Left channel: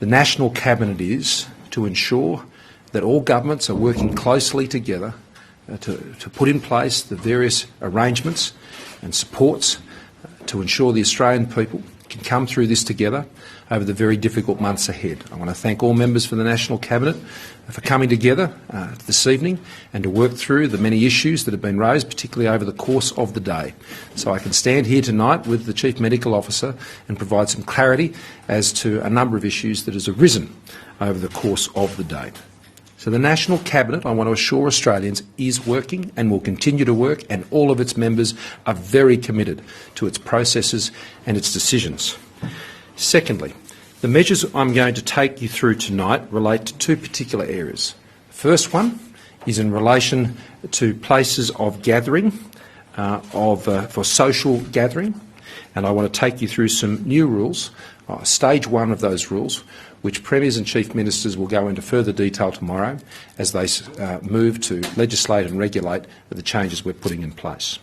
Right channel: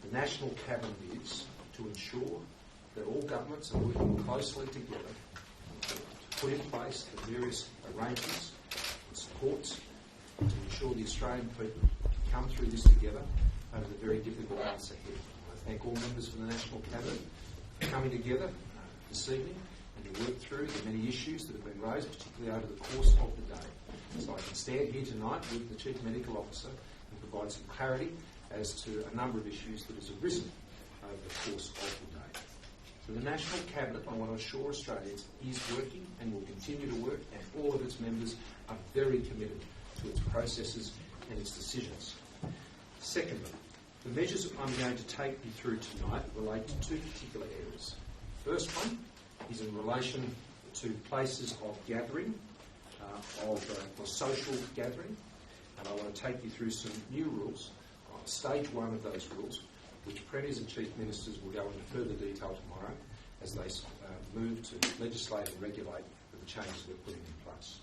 the National Cabinet is to ensure that all governments are working closely together to put in place the various arrangements and supports to ensure the Australian people can come through this together over the very difficult months ahead. I want to thank all members for the National Cabinet for coming together this evening and to work through the many issues that have been raised, particularly over the course of the day. So I can stand here tonight with the Chief Medical Officer and provide some clarity as to a number of issues that has arisen over the course of the day. So the National Cabinet, I want to assure Australians, is working and will continue to work, and all of its members are very committed to its processes and its decisions. Secondly, the measures I'm going to take you through tonight relate to two particular areas. The first one is in relation to places of gathering, for social gathering, and I want to take you through some new rules, stage one of those rules, which Premiers and Chief Ministers will go into further detail tomorrow as they move to legislate and regulate the changes we're putting in place.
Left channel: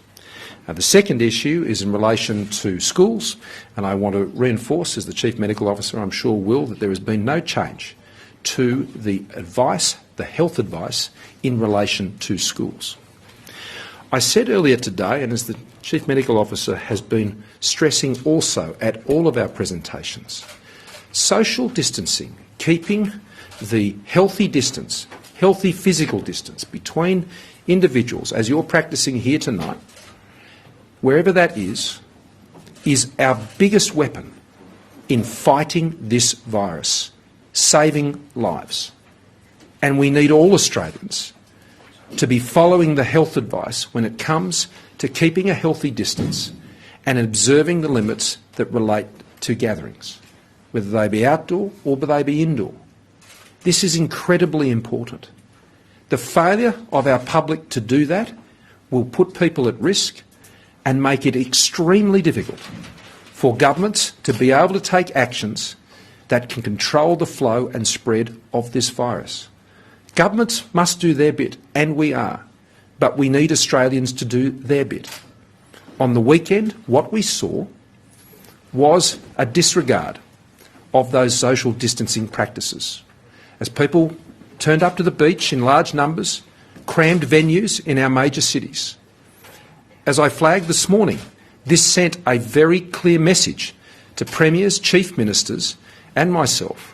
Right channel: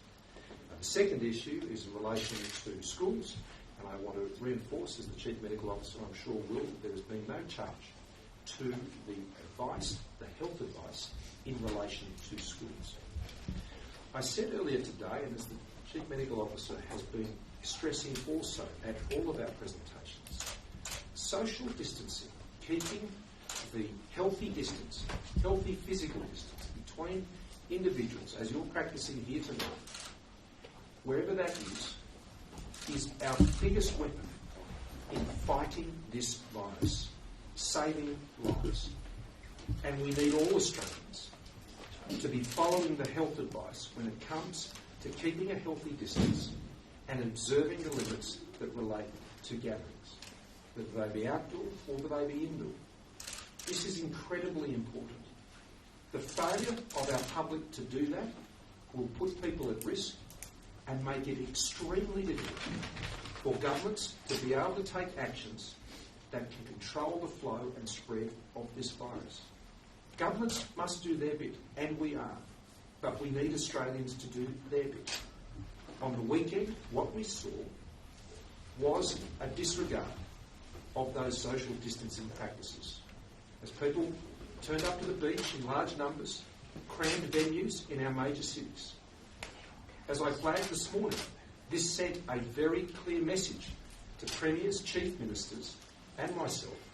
The second issue is in relation to schools, and I want to reinforce, as the Chief Medical Officer I'm sure will, that there has been no change to the advice, the health advice, in relation to schools. I said earlier today, and as the Chief Medical Officer has been stressing also at all of our presentations, social distancing, keeping the healthy distance, healthy physical distance between individuals, as you're practising here tonight, wherever that is our biggest weapon in fighting this virus, saving lives. And we need all Australians to be following the health advice when it comes to keeping a healthy distance and observing the limits that relate to gatherings, whether they be outdoor or whether they be indoor. This is incredibly important. The failure of our public to do that will put people at risk and make it extremely difficult for governments to be able to take actions that can control the flow and spread of this virus. Governments must do their bit, and we are, but we need Australians to do their bit. On the weekend, what we saw was a disregard of those social distancing practices. As people turned up to the beach in large numbers, crammed venues in our major cities. As I flagged this morning, this sent a very clear message to Premiers, Chief Ministers and myself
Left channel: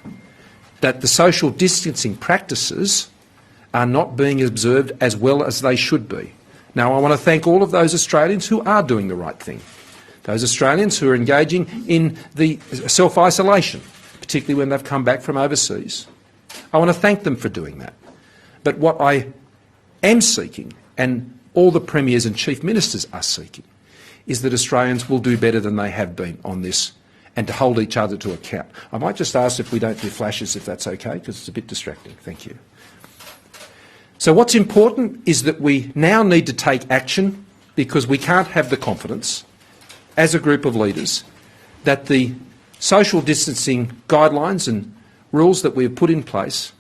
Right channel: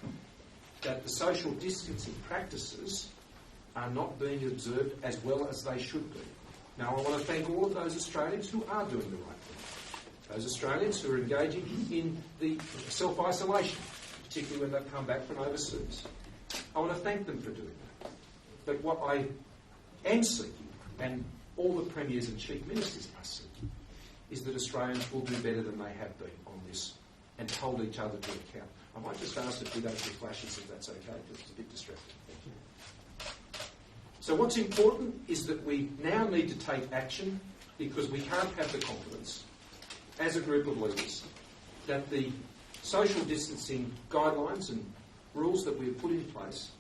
that the social distancing practices are not being observed as well as they should be. Now, I want to thank all of those Australians who are doing the right thing, those Australians who are engaging in the self-isolation, particularly when they've come back from overseas. I want to thank them for doing that. But what I am seeking, and all the Premiers and Chief Ministers are seeking, is that Australians will do better than they have been on this and to hold each other to account. I might just ask if we don't do flashes, if that's okay, because it's a bit distracting. Thank you. So what's important is that we now need to take action, because we can't have the confidence as a group of leaders that the social distancing guidelines and rules that we have put in place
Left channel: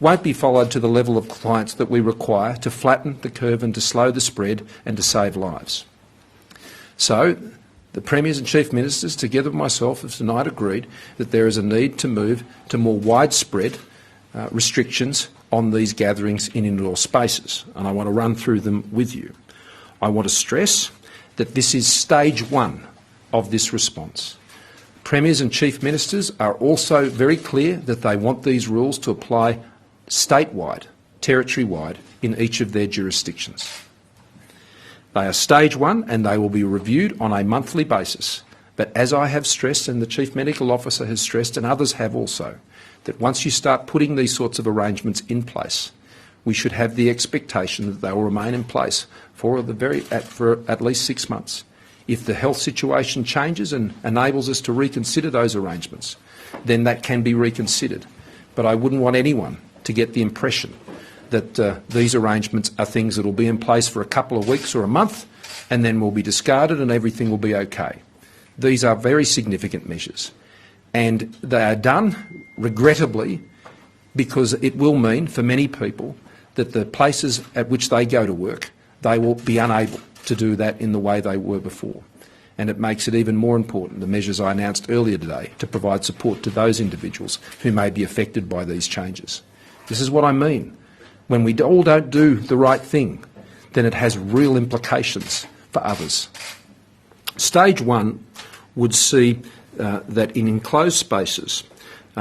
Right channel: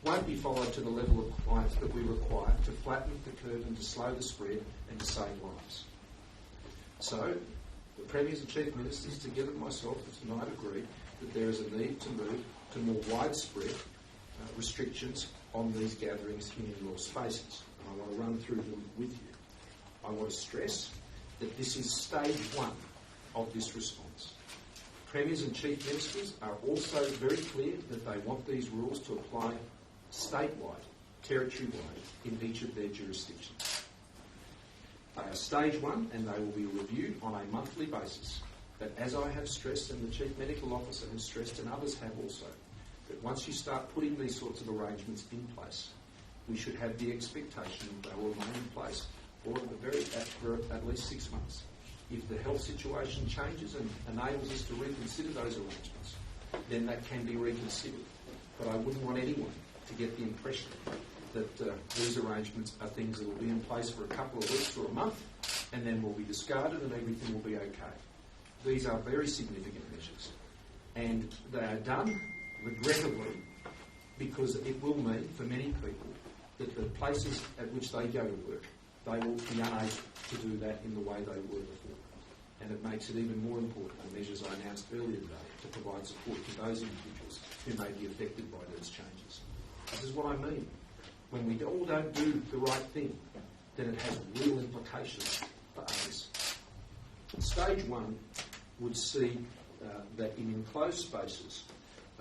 won't be followed to the level of compliance that we require to flatten the curve and to slow the spread and to save lives. So the Premiers and Chief Ministers, together with myself, have tonight agreed that there is a need to move to more widespread restrictions on these gatherings in indoor spaces, and I want to run through them with you. I want to stress that this is stage one of this response. Premiers and Chief Ministers are also very clear that they want these rules to apply statewide, territory-wide, in each of their jurisdictions. They are stage one and they will be reviewed on a monthly basis. But as I have stressed, and the Chief Medical Officer has stressed, and others have also, that once you start putting these sorts of arrangements in place, we should have the expectation that they will remain in place for at least 6 months. If the health situation changes and enables us to reconsider those arrangements, then that can be reconsidered. But I wouldn't want anyone to get the impression that these arrangements are things that will be in place for a couple of weeks or a month and then will be discarded and everything will be okay. These are very significant measures, and they are done, regrettably, because it will mean for many people that the places at which they go to work, they will be unable to do that in the way they were before. and it makes it even more important, the measures I announced earlier today, to provide support to those individuals who may be affected by these changes. This is what I mean. When we all don't do the right thing, then it has real implications for others. Stage 1 would see that in enclosed spaces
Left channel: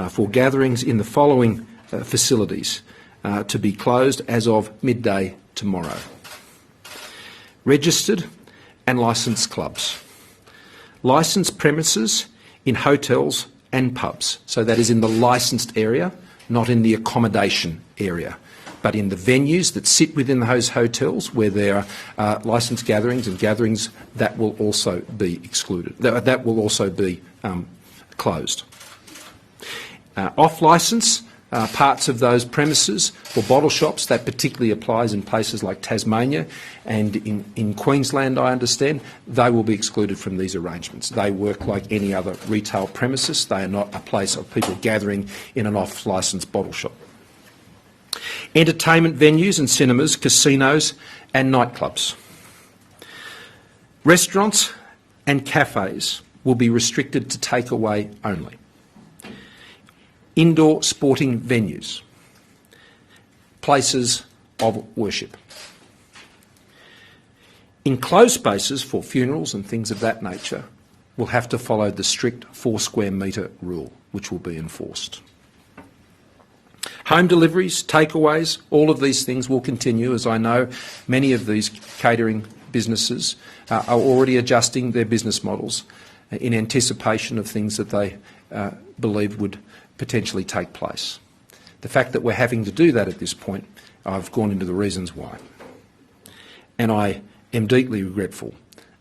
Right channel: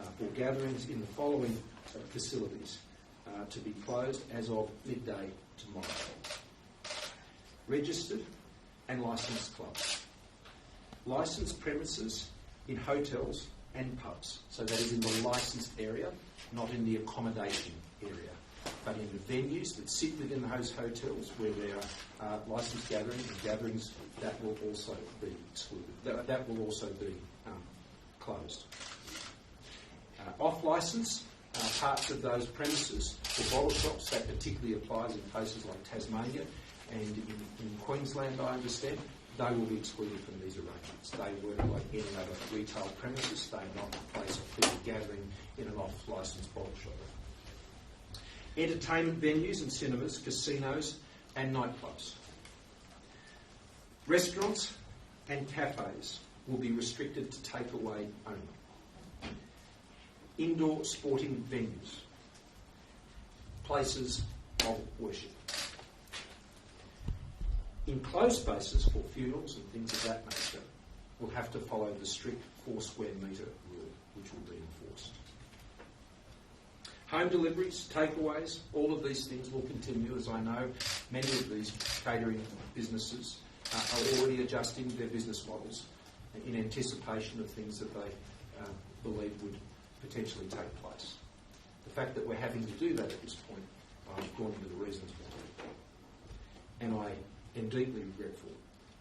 for gatherings in the following facilities to be closed as of midday tomorrow. Registered and licensed clubs. Licensed premises in hotels and pubs. So that is in the licensed area, not in the accommodation area, but in the venues that sit within those hotels where there are licensed gatherings and gatherings that will also be excluded, that will also be closed. Off-licence parts of those premises for bottle shops, that particularly applies in places like Tasmania and in Queensland, I understand, they will be excluded from these arrangements. They work like any other retail premises. They are not a place of people gathering in an off-licence bottle shop. Entertainment venues and cinemas, casinos and nightclubs. Restaurants and cafes will be restricted to takeaway only. Indoor sporting venues, places of worship. Enclosed spaces for funerals and things of that nature will have to follow the strict 4 square metre rule, which will be enforced. Home deliveries, takeaways, all of these things will continue, as I know many of these catering businesses are already adjusting their business models in anticipation of things that they believe would potentially take place. The fact that we're having to do that at this point, I've gone into the reasons why. And I am deeply regretful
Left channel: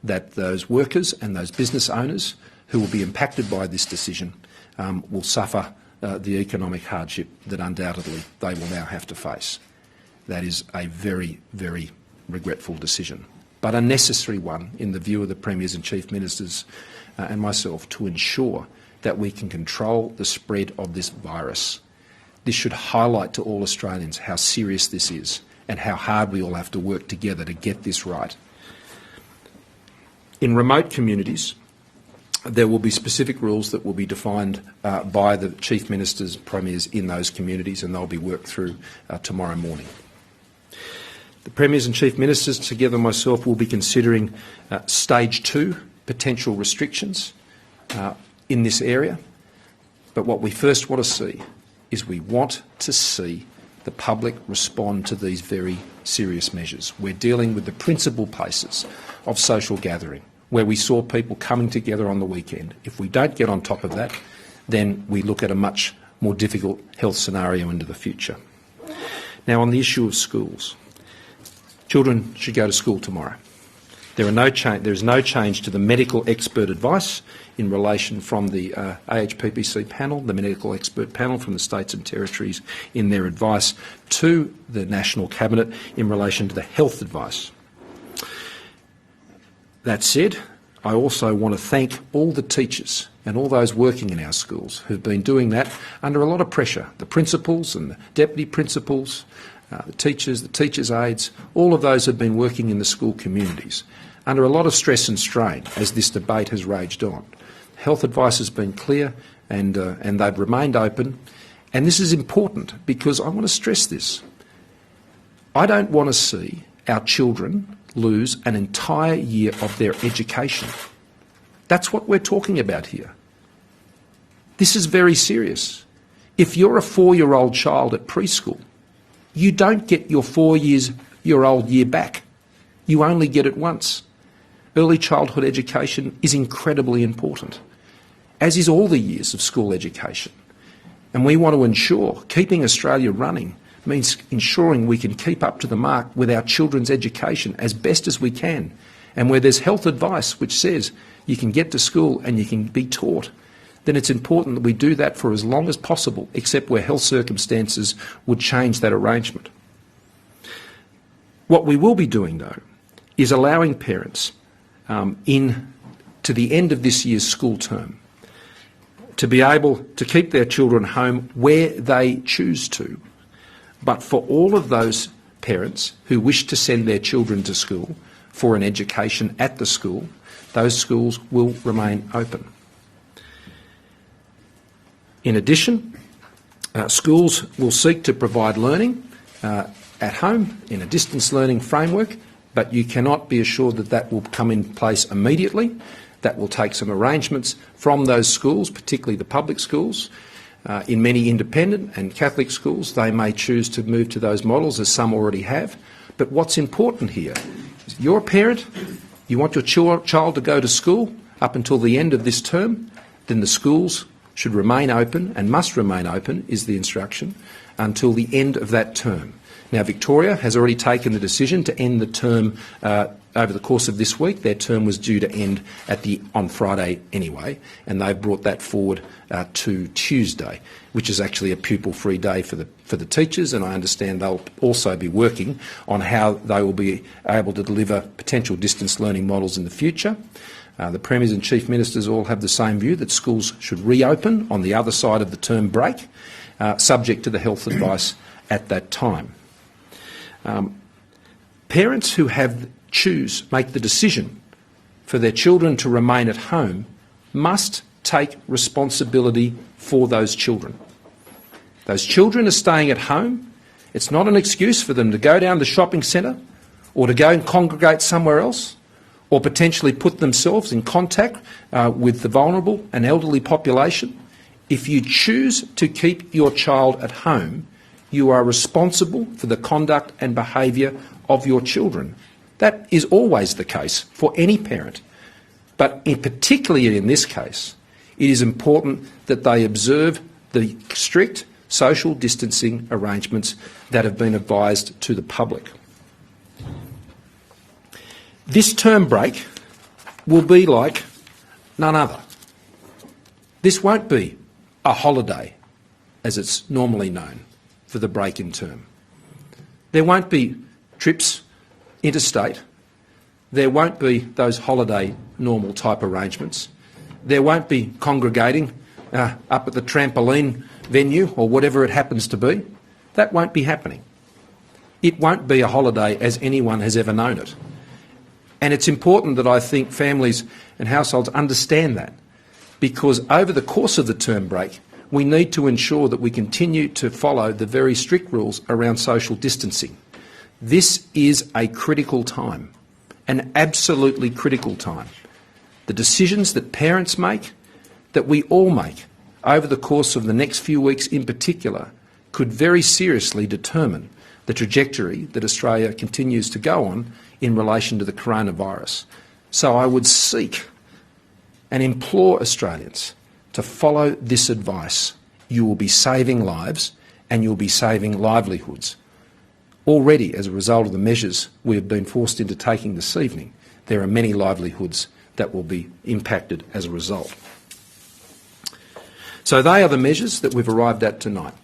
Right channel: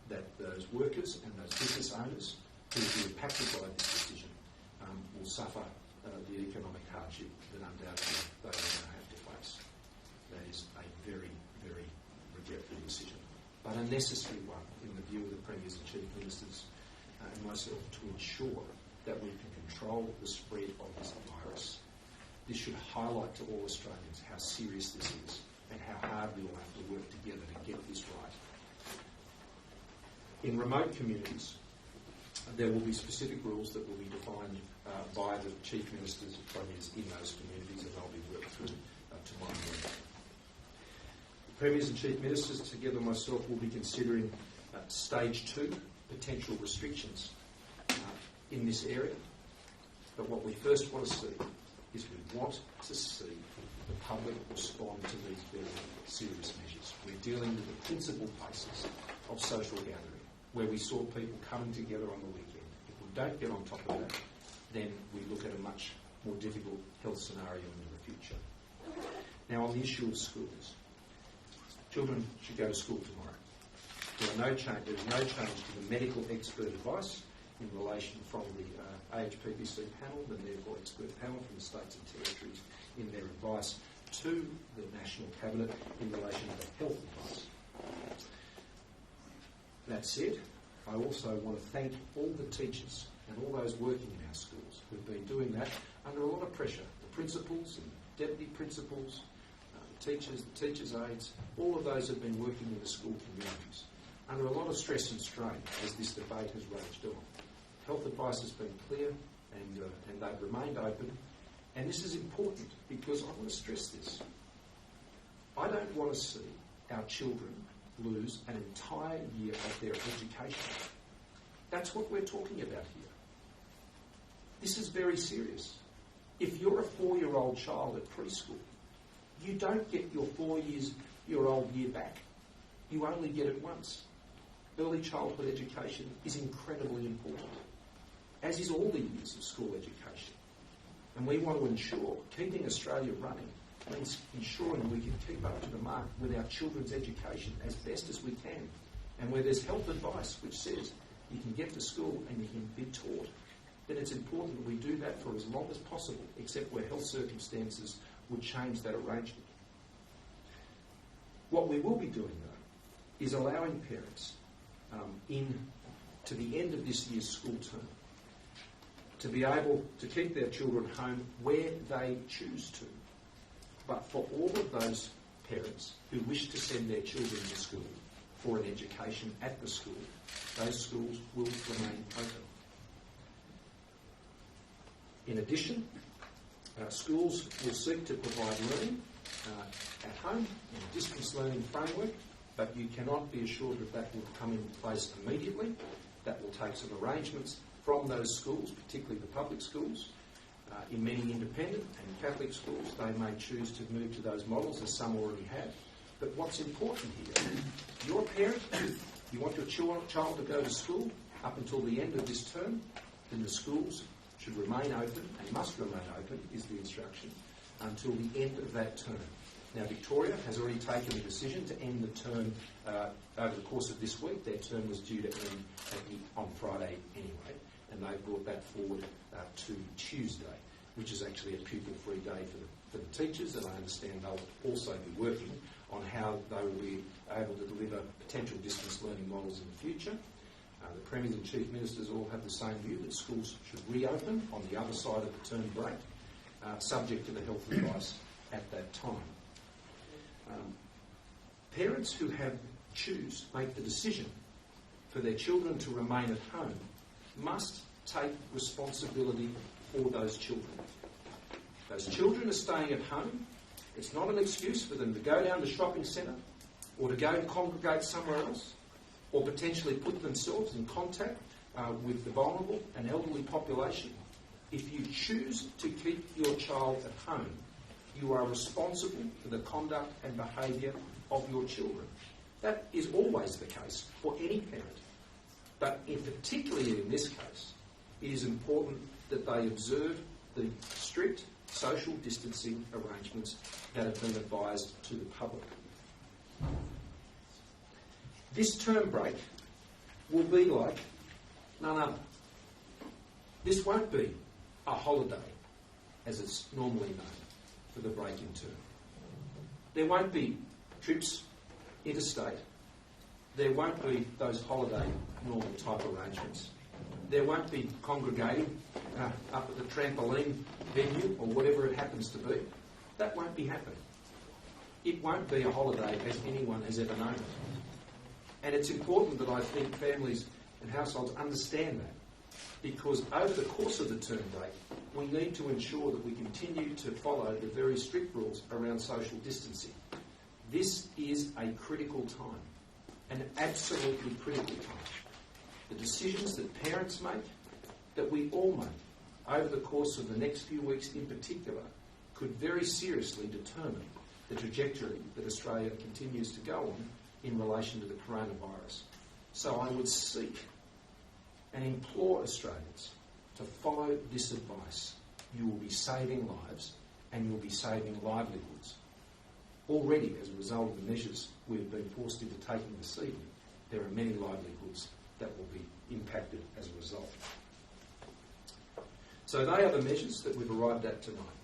that those workers and those business owners who will be impacted by this decision will suffer the economic hardship that undoubtedly they will now have to face. That is a very, very regretful decision, but a necessary one in the view of the Premiers and Chief Ministers and myself to ensure that we can control the spread of this virus. This should highlight to all Australians how serious this is and how hard we all have to work together to get this right. In remote communities, there will be specific rules that will be defined by the Chief Ministers, Premiers in those communities, and they'll be worked through tomorrow morning. The Premiers and Chief Ministers, together with myself, will be considering Stage 2 potential restrictions in this area. But what we first want to see is we want to see the public respond to these very serious measures. We're dealing with the principal places of social gathering, where we saw people coming together on the weekend. If we don't get on top of that, then we look at a much more difficult health scenario into the future. Now, on the issue of schools, children should go to school tomorrow. There is no change to the medical expert advice in relation from the AHPPC panel, the medical expert panel from the states and territories in their advice to the National Cabinet in relation to the health advice. That said, I also want to thank all the teachers and all those working in our schools who've been doing that under a lot of pressure. The principals and the deputy principals, the teachers' aides, all of those have been working in the school communities under a lot of stress and strain as this debate has raged on. Health advice has been clear and they've remained open. And this is important because I want to stress this. I don't want to see our children lose an entire year of their education. That's what we're talking about here. This is very serious. If you're a 4-year-old child at preschool, you don't get your 4-year-old year back. You only get it once. Early childhood education is incredibly important, as is all the years of school education. And we want to ensure keeping Australia running means ensuring we can keep up to the mark with our children's education as best as we can. And where there's health advice which says you can get to school and you can be taught, then it's important that we do that for as long as possible, except where health circumstances would change that arrangement. What we will be doing, though, is allowing parents to the end of this year's school term to be able to keep their children home where they choose to. But for all of those parents who wish to send their children to school, for an education at the school, those schools will remain open. In addition, schools will seek to provide learning at home in a distance learning framework, but you cannot be assured that that will come in place immediately. That will take some arrangements from those schools, particularly the public schools. In many independent and Catholic schools, they may choose to move to those models, as some already have. But what's important here is you're a parent, you want your child to go to school up until the end of this term, then the schools should remain open and must remain open, is the instruction, until the end of that term. Now, Victoria has already taken the decision to end the term over the course of this week. Their term was due to end on Friday anyway, and they've brought that forward to Tuesday, which is actually a pupil-free day for the teachers, and I understand they'll also be working on how they will be able to deliver potential distance learning models in the future. The Premiers and Chief Ministers all have the same view, that schools should reopen on the other side of the term break, subject to the health advice at that time. Parents who make the decision for their children to remain at home must take responsibility for those children. Those children are staying at home. It's not an excuse for them to go down the shopping centre or to go and congregate somewhere else, or potentially put themselves in contact with the vulnerable and elderly population. If you choose to keep your child at home, you are responsible for the conduct and behaviour of your children. That is always the case for any parent. But particularly in this case, it is important that they observe the strict social distancing arrangements that have been advised to the public. This term break will be like none other. This won't be a holiday, as it's normally known, for the break in term. There won't be trips interstate. There won't be those holiday normal type arrangements. There won't be congregating up at the trampoline venue or whatever it happens to be. That won't be happening. It won't be a holiday as anyone has ever known it. And it's important that I think families and households understand that, because over the course of the term break, we need to ensure that we continue to follow the very strict rules around social distancing. This is a critical time, an absolutely critical time. The decisions that parents make, that we all make over the course of the next few weeks in particular, could very seriously determine the trajectory that Australia continues to go on in relation to the coronavirus. So I would seek and implore Australians to follow this advice. You will be saving lives and you'll be saving livelihoods. Already, as a result of the measures we have been forced into taking this evening, there are many livelihoods that will be impacted as a result. So they are the measures that we've arrived at tonight.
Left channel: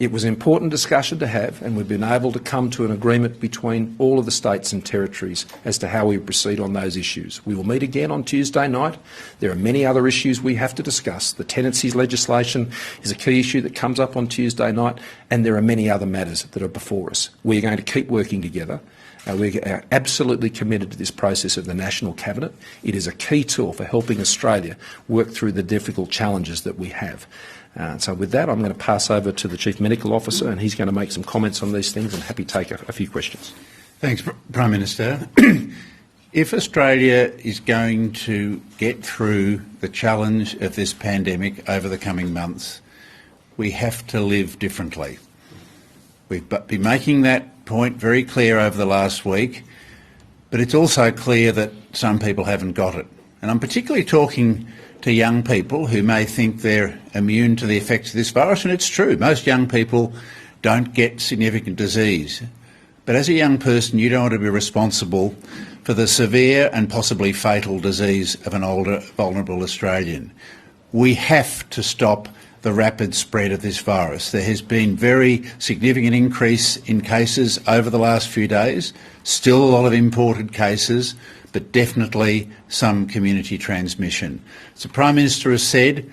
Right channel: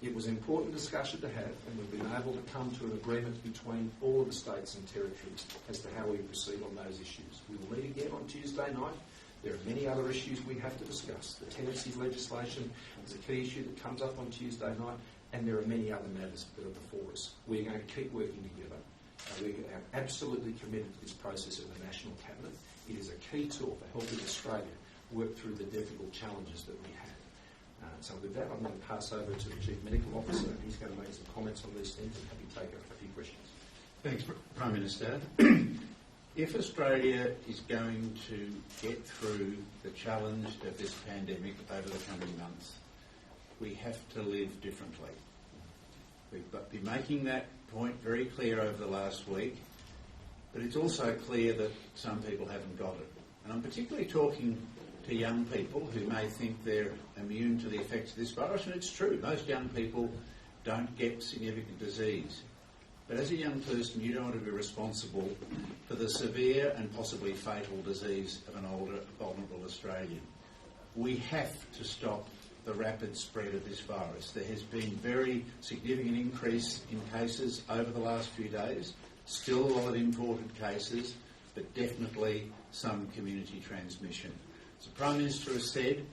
It was an important discussion to have, and we've been able to come to an agreement between all of the states and territories as to how we proceed on those issues. We will meet again on Tuesday night. There are many other issues we have to discuss. The tenancies legislation is a key issue that comes up on Tuesday night, and there are many other matters that are before us. We are going to keep working together. We are absolutely committed to this process of the National Cabinet. It is a key tool for helping Australia work through the difficult challenges that we have. So with that, I'm going to pass over to the Chief Medical Officer, and he's going to make some comments on these things, and happy to take a few questions. Thanks, Prime Minister. If Australia is going to get through the challenge of this pandemic over the coming months, we have to live differently. We've been making that point very clear over the last week, but it's also clear that some people haven't got it. And I'm particularly talking to young people who may think they're immune to the effects of this virus, and it's true. Most young people don't get significant disease. But as a young person, you don't want to be responsible for the severe and possibly fatal disease of an older, vulnerable Australian. We have to stop the rapid spread of this virus. There has been very significant increase in cases over the last few days, still a lot of imported cases, but definitely some community transmission. As the Prime Minister has said,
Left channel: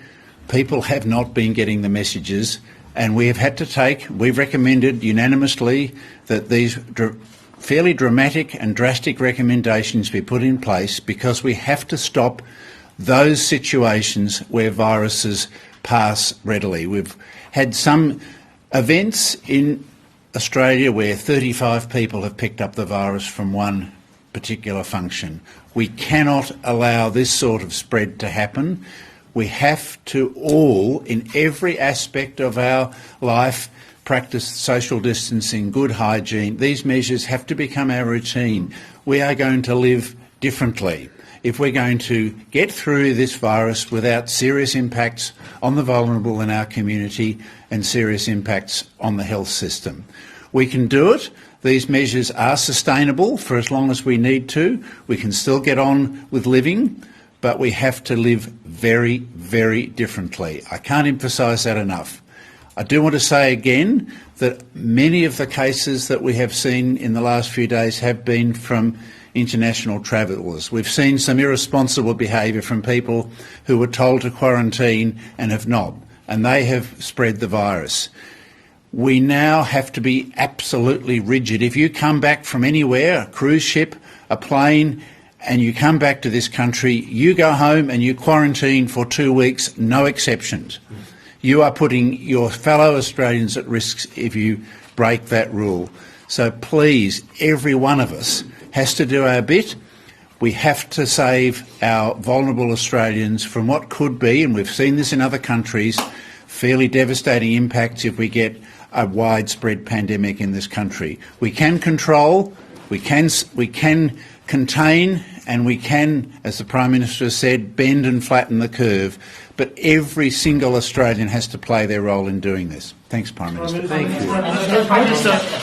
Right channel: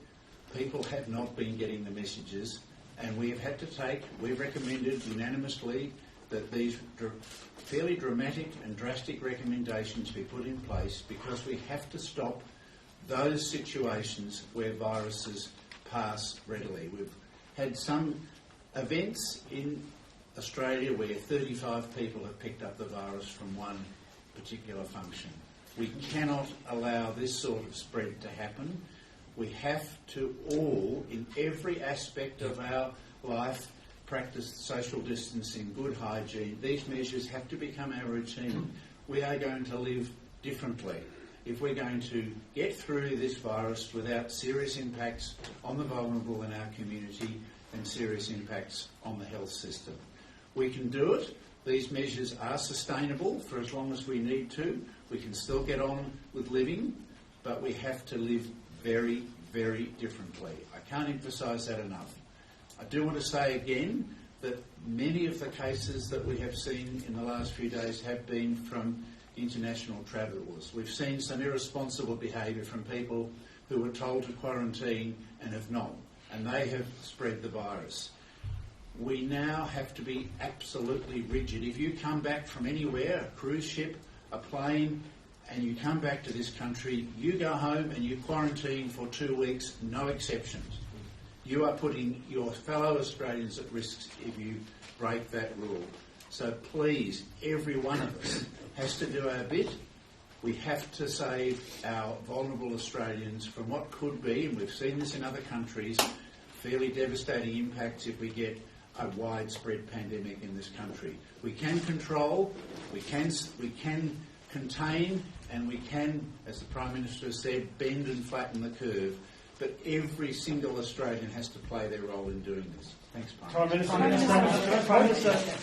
people have not been getting the messages, and we have had to we've recommended unanimously that these fairly dramatic and drastic recommendations be put in place, because we have to stop those situations where viruses pass readily. We've had some events in Australia where 35 people have picked up the virus from one particular function. We cannot allow this sort of spread to happen. We have to all, in every aspect of our life, practice social distancing, good hygiene. These measures have to become our routine. We are going to live differently if we're going to get through this virus without serious impacts on the vulnerable in our community and serious impacts on the health system. We can do it. These measures are sustainable for as long as we need to. We can still get on with living, but we have to live very, very differently. I can't emphasise that enough. I do want to say again that many of the cases that we have seen in the last few days have been from international travellers. We've seen some irresponsible behaviour from people who were told to quarantine and have not, and they have spread the virus. We now have to be absolutely rigid. If you come back from anywhere, a cruise ship, a plane, and you come back to this country, you go home and you quarantine for 2 weeks, no exceptions. You are putting your fellow Australians at risk if you break that rule. So please, every one of us has to do our bit. We have to save our vulnerable Australians from what could be, and we've seen this in other countries, fairly devastating impacts if we get a widespread pandemic in this country. We can control, we can contain, and we can, as the Prime Minister has said, bend and flatten the curve. But every single Australian has to play their role in doing this. Thanks, Prime Minister.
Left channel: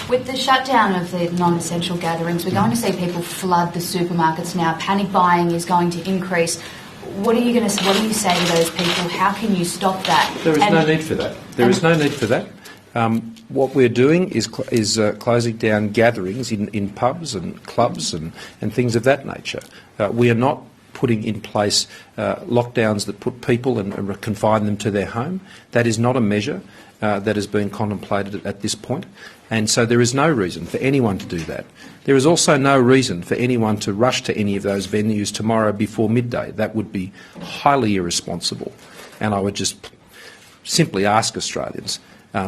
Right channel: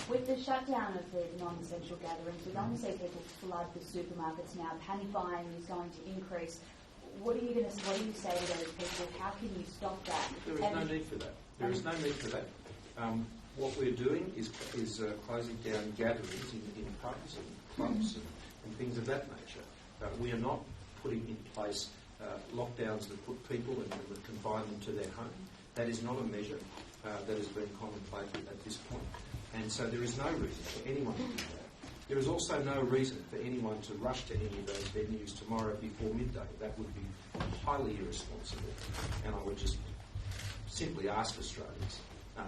With the shutdown of the non-essential gatherings, we're going to see people flood the supermarkets now. Panic buying is going to increase. What do you say to those people? How can you stop that? There is no need for that. There is no need for that. What we're doing is closing down gatherings in pubs and clubs and things of that nature. We are not putting in place lockdowns that put people and confine them to their home. That is not a measure that has been contemplated at this point, and so there is no reason for anyone to do that. There is also no reason for anyone to rush to any of those venues tomorrow before midday. That would be highly irresponsible, and I would just simply ask Australians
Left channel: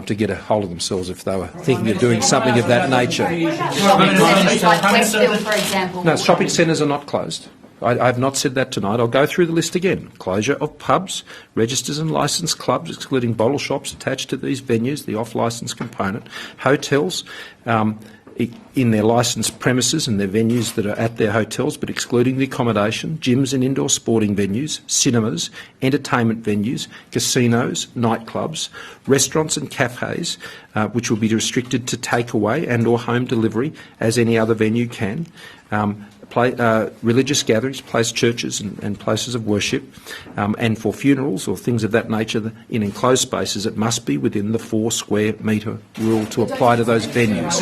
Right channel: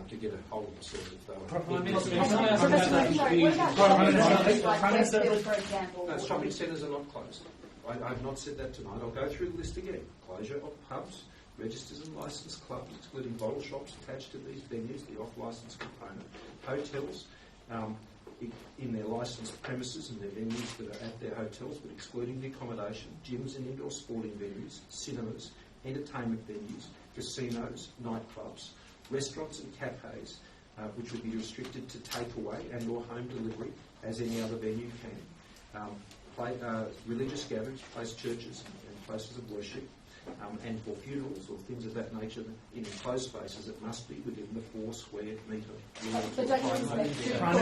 to get a hold of themselves if they were thinking of doing something of that nature. What about shopping centres like Westfield, for example? No, shopping centres are not closed. I have not said that tonight. I'll go through the list again. Closure of pubs, registers and licensed clubs, excluding bottle shops attached to these venues, the off-licence component, hotels in their licensed premises and their venues that are at their hotels, but excluding the accommodation, gyms and indoor sporting venues, cinemas, entertainment venues, casinos, nightclubs, restaurants and cafes, which will be restricted to takeaway and or home delivery as any other venue can. Religious gatherings, churches and places of worship, and for funerals or things of that nature in enclosed spaces, it must be within the 4 square metre rule to apply to those venues.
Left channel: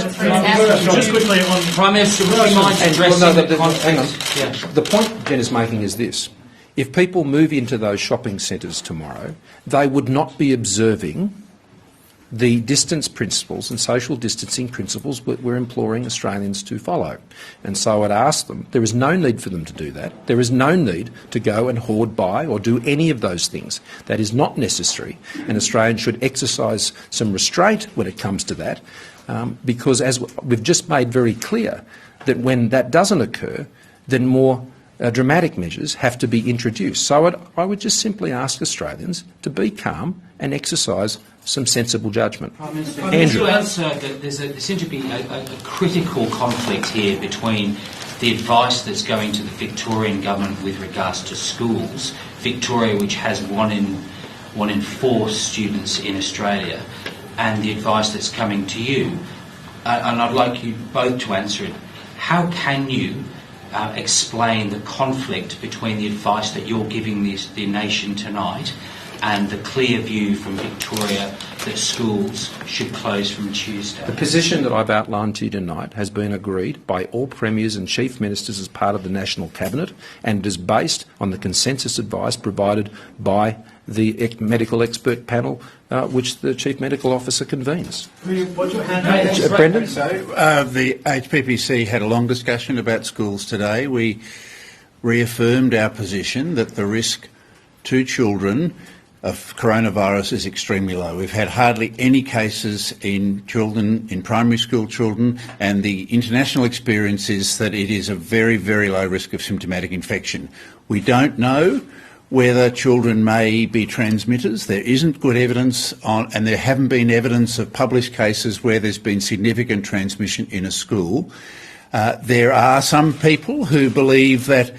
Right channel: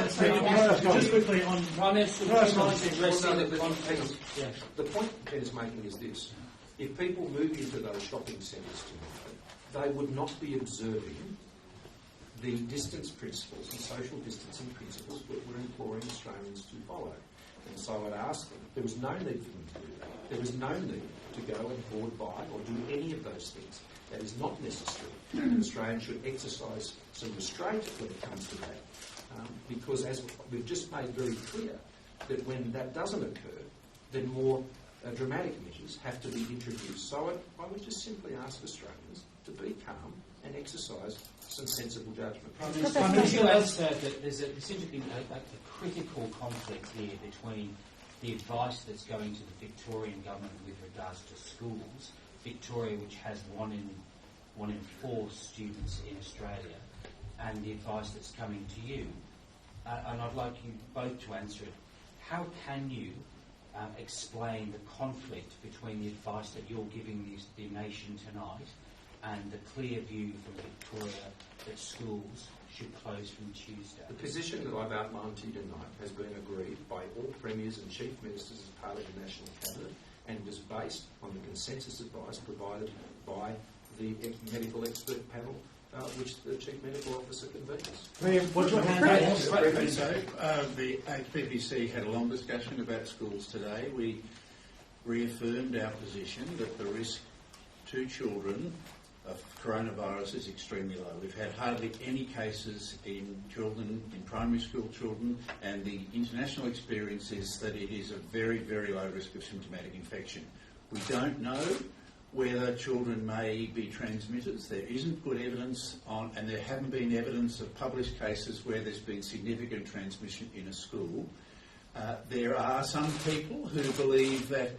Just quickly on Prime Minister, would you mind addressing the conflict? Hang on. The point Jen is making is this. If people move into those shopping centres tomorrow, they would not be observing the distance principles and social distancing principles we're imploring Australians to follow. And so I'd ask them, there is no need for them to do that. There is no need to go and hoard by or do any of those things. That is not necessary, and Australians should exercise some restraint when it comes to that, because as we've just made very clear, that when that doesn't occur, then more dramatic measures have to be introduced. So I would just simply ask Australians to be calm and exercise some sensible judgment. Andrew, there seems to be a critical conflict here between the advice that's going to the Victorian government with regards to schools, Victoria, which has one in 4 students in Australia, and the advice that's coming to you. And I'd like you both to answer it. How can you explain the conflict between the advice that you're giving the nation tonight and the clear view from Victoria that schools should close from Tuesday? The position that I've outlined to you tonight has been agreed by all premiers and chief ministers as part of the National Cabinet, and it is based on the consensus advice provided by the medical expert panel which the Chief Medical Officer convenes. Brendan? So the HPPC had a long discussion about schools today. We reaffirmed our position that the risk to children of coronavirus is extremely low. We've had hardly any cases in children, in primary school children, and the international experience is that it is a very, very low risk of symptomatic infection. We don't know whether children may be transmitters. There isn't good evidence on, and there haven't been evidence of published cases where there's been significant transmission in a school. There are some people who believe that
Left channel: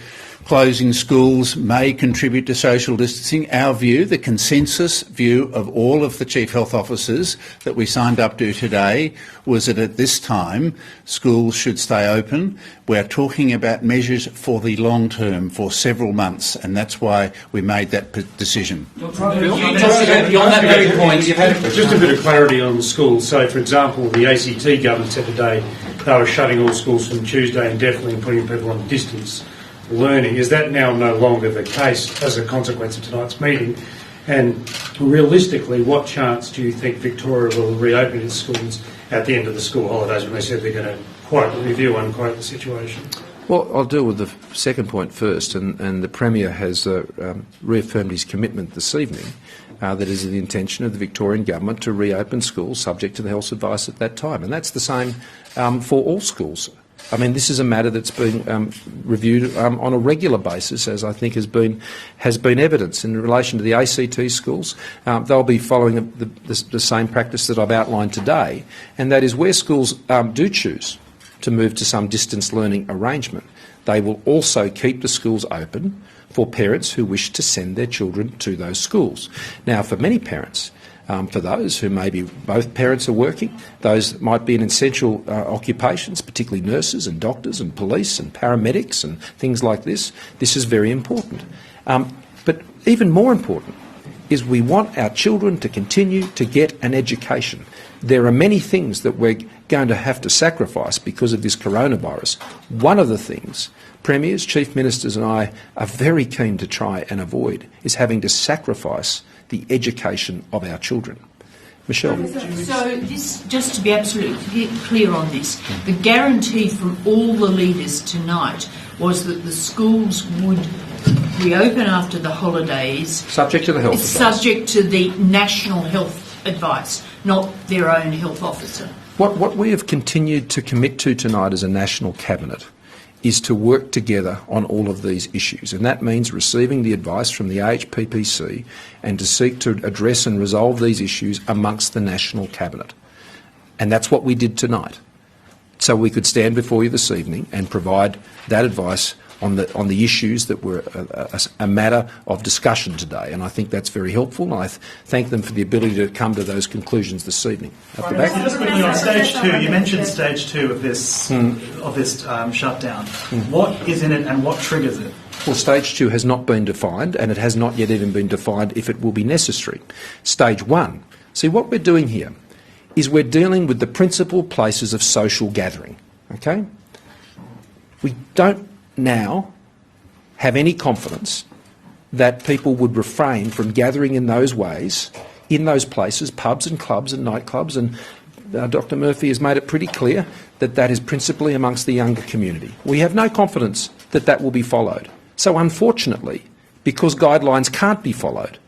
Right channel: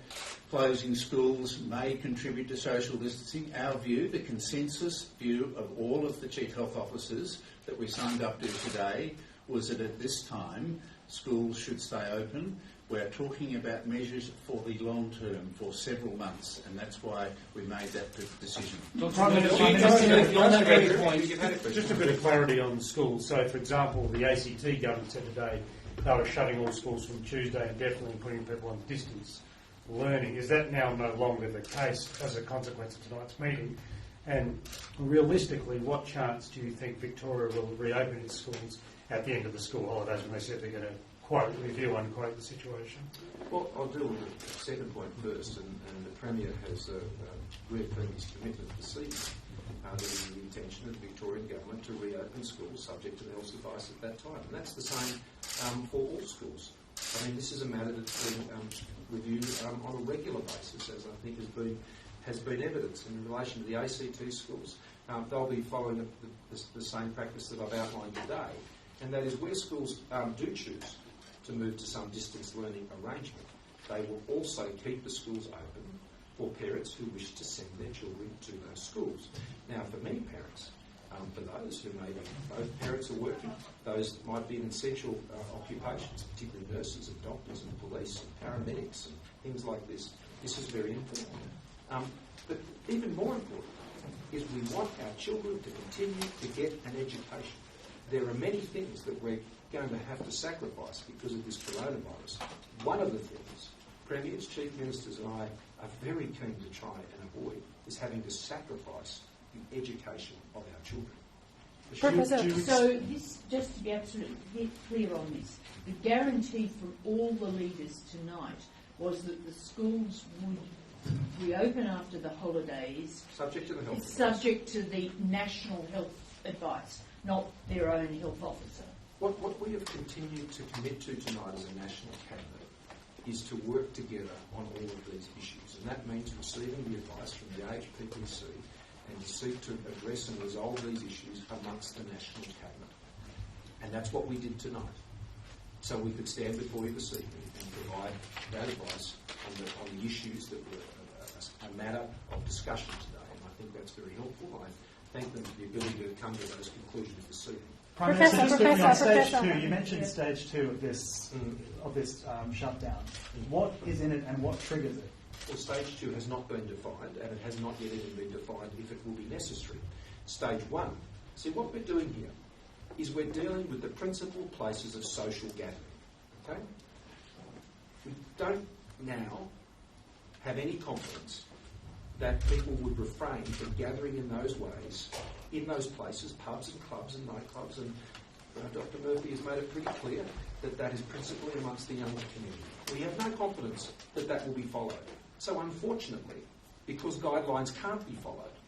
closing schools may contribute to social distancing. Our view, the consensus view of all of the Chief Health Officers that we signed up to today, was that at this time schools should stay open. We're talking about measures for the long term, for several months, and that's why we made that decision. Just a bit of clarity on schools. So, for example, the ACT government said today they were shutting all schools from Tuesday indefinitely and putting people on distance learning. Is that now no longer the case as a consequence of tonight's meeting? And realistically, what chance do you think Victoria will reopen its schools at the end of the school holidays, when they said they're going to quote review unquote the situation? Well, I'll deal with the second point first, and the Premier has reaffirmed his commitment this evening that it is the intention of the Victorian Government to reopen schools subject to the health advice at that time, and that's the same for all schools. I mean, this is a matter that's been reviewed on a regular basis, as I think has been evidence in relation to the ACT schools. They'll be following the same practice that I've outlined today, and that is where schools do choose to move to some distance learning arrangement, they will also keep the schools open for parents who wish to send their children to those schools. Now, for many parents, for those who maybe both parents are working, those might be in essential occupations, particularly nurses and doctors and police and paramedics and things like this, this is very important. But even more important is we want our children to continue to get an education. There are many things that we're going to have to sacrifice because of this coronavirus. One of the things Premiers, Chief Ministers and I are very keen to try and avoid is having to sacrifice the education of our children. Michelle? So this, just to be absolutely clear on this, the guarantee from all the leaders tonight was that the schools would reopen after the holidays. Subject to the health advice. Subject to the national health advice, not their own health officer. What we have continued to commit to tonight as a national cabinet is to work together on all of these issues, and that means receiving the advice from the AHPPC and to seek to address and resolve these issues amongst the national cabinet. And that's what we did tonight. So we could stand before you this evening and provide that advice on the issues that were a matter of discussion today, and I think that's very helpful, and I thank them for the ability to come to those conclusions this evening. Just quickly on stage 2, you mentioned stage 2 of this shutdown. What is in it and what triggers it? Well, stage 2 has not been defined, and it has not yet even been defined if it will be necessary. Stage 1, see what we're doing here is we're dealing with the principal places of social gathering, okay? We don't now have any confidence that people would refrain from gathering in those ways, in those places, pubs and clubs and nightclubs, and Dr Murphy has made it pretty clear that that is principally amongst the younger community. We have no confidence that that will be followed. So unfortunately, because guidelines can't be followed,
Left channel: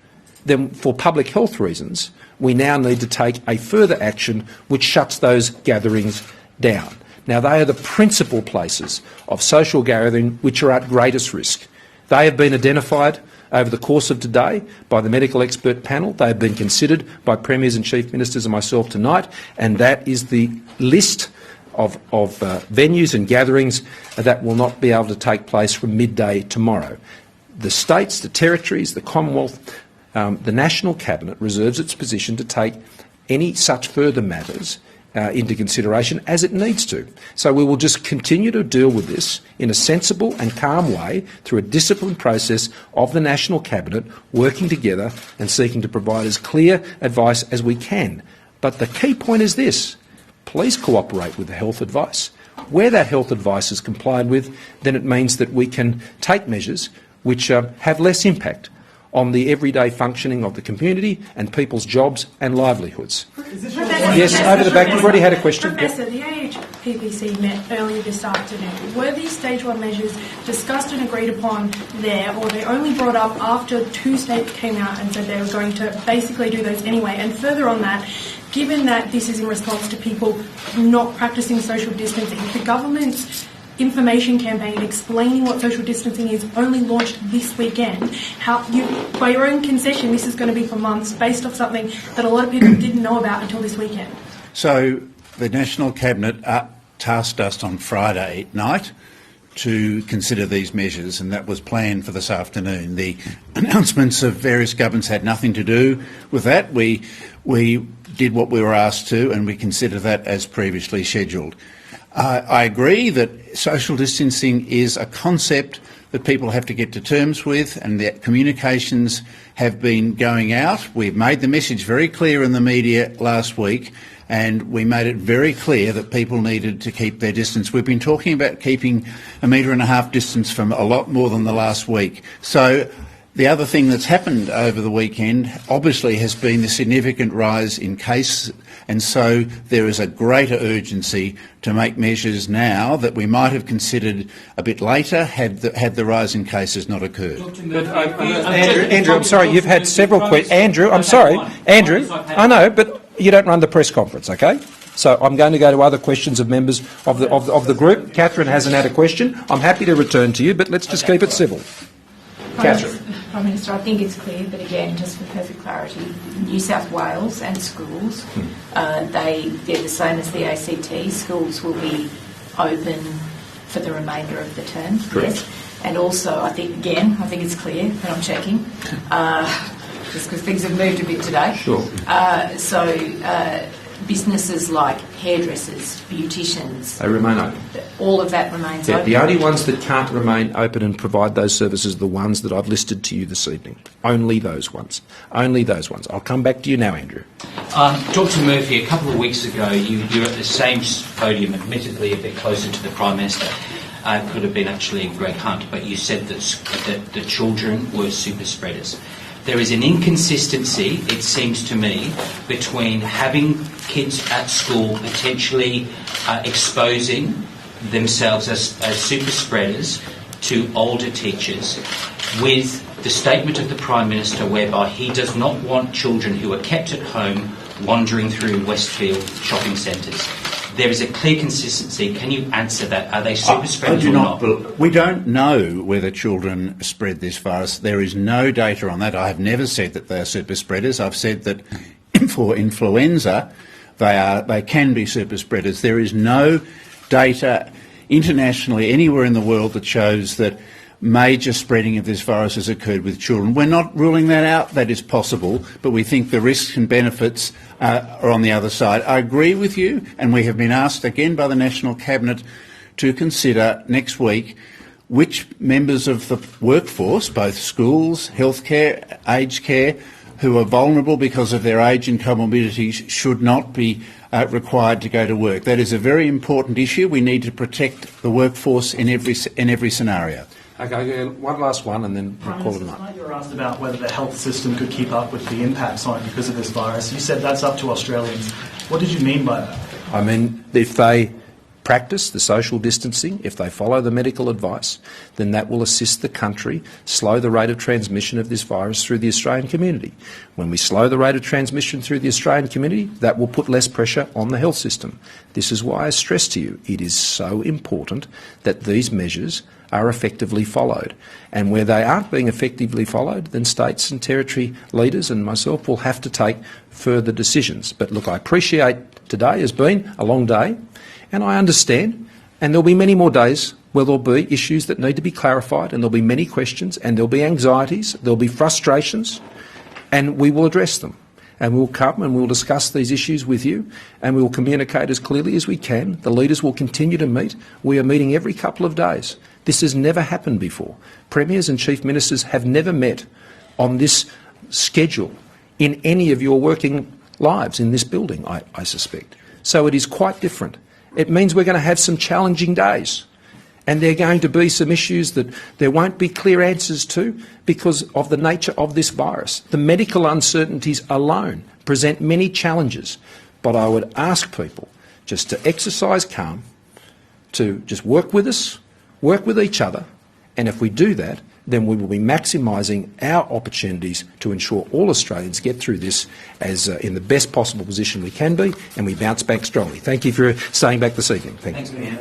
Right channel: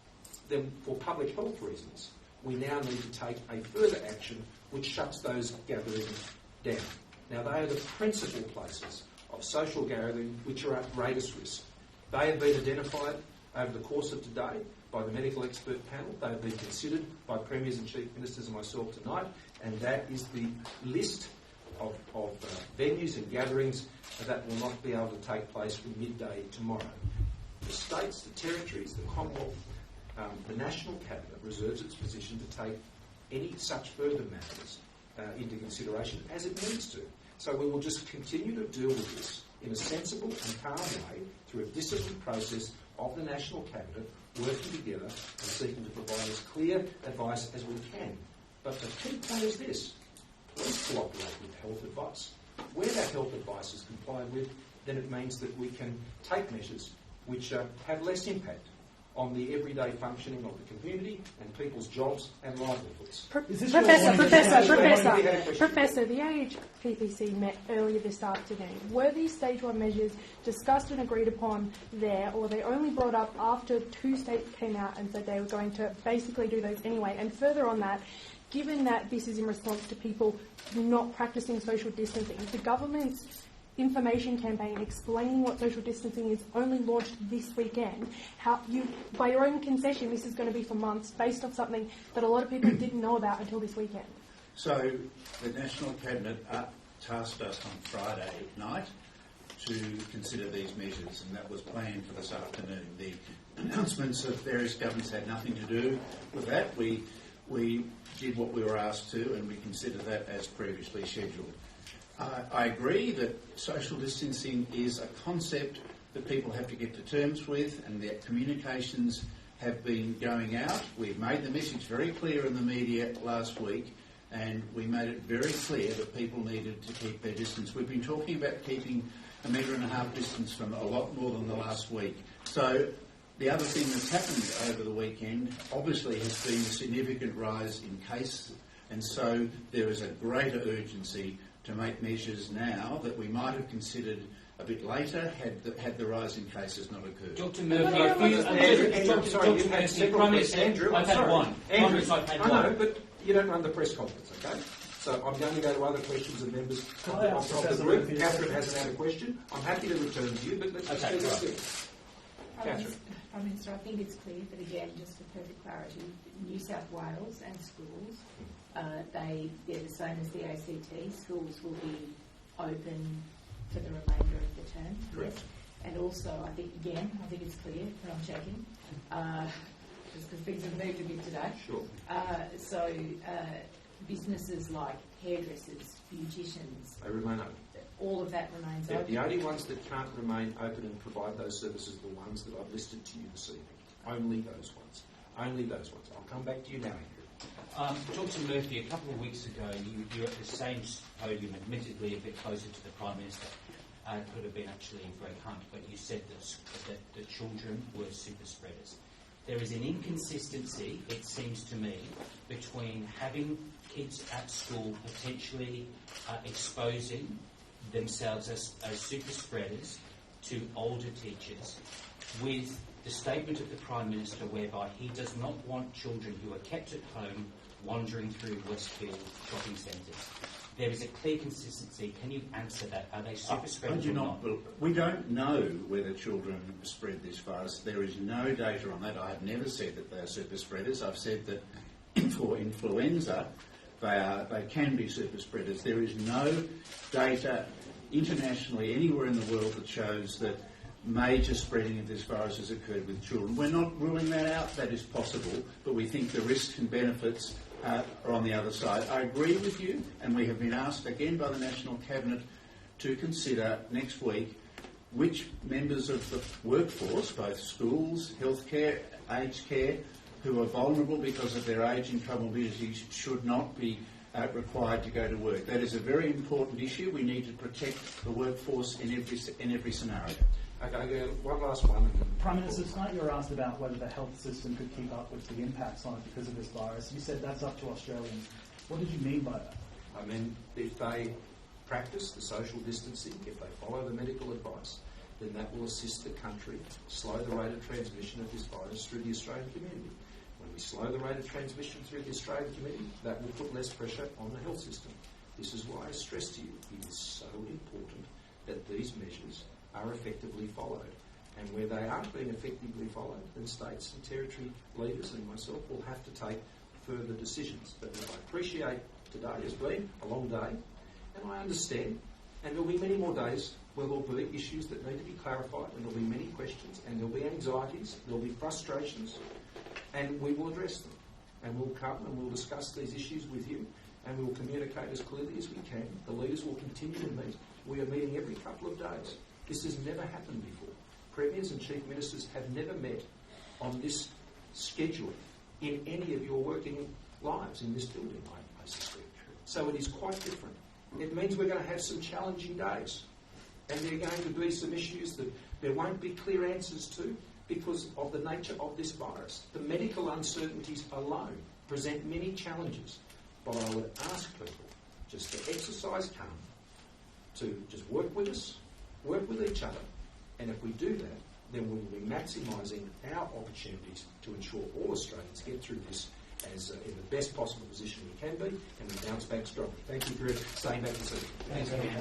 then for public health reasons, we now need to take a further action which shuts those gatherings down. Now, they are the principal places of social gathering which are at greatest risk. They have been identified over the course of today by the medical expert panel. They have been considered by Premiers and Chief Ministers and myself tonight, and that is the list of venues and gatherings that will not be able to take place from midday tomorrow. The states, the territories, the Commonwealth, the National Cabinet reserves its position to take any such further matters into consideration as it needs to. So we will just continue to deal with this in a sensible and calm way through a disciplined process of the National Cabinet, working together and seeking to provide as clear advice as we can. But the key point is this: please cooperate with the health advice. Where that health advice is complied with, then it means that we can take measures which have less impact on the everyday functioning of the community and people's jobs and livelihoods. Yes, over the back. You've already had a question. Professor, the AHPPC met earlier this afternoon. Were these stage 1 measures discussed and agreed upon there, or they only brought up after 2 states came out and said they were going to basically do those anyway? And further on that, given that this is in response to people not practicing social distancing, the government's information campaign explaining what social distancing is only launched this weekend. By your own concession, this is going to be for months based off something that a lot of people didn't know about until this weekend. So the National Cabinet tasked us on Friday night to consider these measures, and that was planned for this afternoon. The announcements of various governments had nothing to do with that. We did what we were asked to, and we consider that as previously scheduled. I agree that social distancing is a concept that people have to get to terms with, and that communications have been going out. We've made the message very clear in the media last week, and we made it very clear that people needed to keep their distance. We've been talking about keeping 1.5 metre distance from a lot more than the last week. So the other thing that's happened over the weekend obviously has been the significant rise in cases, and so there is a greater urgency to make measures now that we might have considered a bit later had the rise in cases not occurred. Andrew, I'm sorry, you've had several questions. Andrew, I'm sorry. Andrew, I know, but you don't run the press conference, okay? So I'm going to go to other questions of members of the group. Catherine hasn't had a question. I'm happy to return to you, but let's just keep it civil. Catherine. Prime Minister, I think it's clear, but again, just for perfect clarity, New South Wales and schools, they're the same as the ACT. Schools will be open for the remainder of the term. Correct. Yes. And also, I think it's clear, and I'm checking, just because things have moved a bit today. Sure. Businesses like hairdressers, beauticians, They remain open. all of that remains Yeah, open. the only ones that can't remain open and provide those services are the ones that I've listed to you this evening. Only those ones. Only those ones. I'll come back to you now, Andrew. Dr Murphy, a couple of weeks ago you were at the same podium, admittedly a bit closer to the Prime Minister. It could have been actually Greg Hunt, but you said that the children were super spreaders. There is an inconsistency, it seems to me, between having kids at school potentially exposing themselves as super spreaders to older teachers, with the statement of the Prime Minister whereby he does not want children who are kept at home wandering through Westfield shopping centres. There is a clear consistency. Can you answer that? Are they super spreaders or not? We don't know whether children spread this virus. There is no data on that. I have never said that they are super spreaders. I've said that for influenza, they can be super spreaders. There is no data internationally anywhere in the world that shows that major spreading of this virus has occurred with children. We're not ruling that out. That is possible, but we think the risks and benefits are on the other side. I agree with you, and we have been asked again by the National Cabinet to consider next week which members of the workforce, both schools, healthcare, aged care, who are vulnerable because of their age and comorbidities should not be required to go to work. That is a very important issue. We need to protect the workforce in every scenario. Okay, one last one and then Prime we'll call it Minister, a night. tonight you were asked about whether the health system could keep up with the impacts on it because of this virus. You said that's up to Australians. What did you mean by that? I mean, if they practice the social distancing, if they follow the medical advice, then that will assist the country slow the rate of transmission of this virus through the Australian community. When we slow the rate of transmission through the Australian community, that will put less pressure on the health system. This is why I stress to you, it is so important that these measures are effectively followed. And where they aren't being effectively followed, then states and territory leaders and myself will have to take further decisions. But look, I appreciate today has been a long day, and I understand, and there'll be many more days where there'll be issues that need to be clarified, and there'll be many questions, and there'll be anxieties, there'll be frustrations, and we will address them. And we'll come and we'll discuss these issues with you, and we will communicate as clearly as we can. The leaders will continue to meet. We are meeting every couple of days. This has never happened before. Premiers and chief ministers have never met on this schedule in any of your working lives in this building, I suspect. So it is quite different. It means we're going to have some challenging days. And there are going to be some issues that there won't be clear answers to because of the nature of this virus. The medical uncertainties alone present many challenges. But I would ask people just to exercise calm, to just work with us, work with each other, and if we do that, then we will be maximising our opportunities to ensure all Australians get through this as in the best possible position we can be, and we bounce back strongly. Thank you for staying back this evening. Thank you.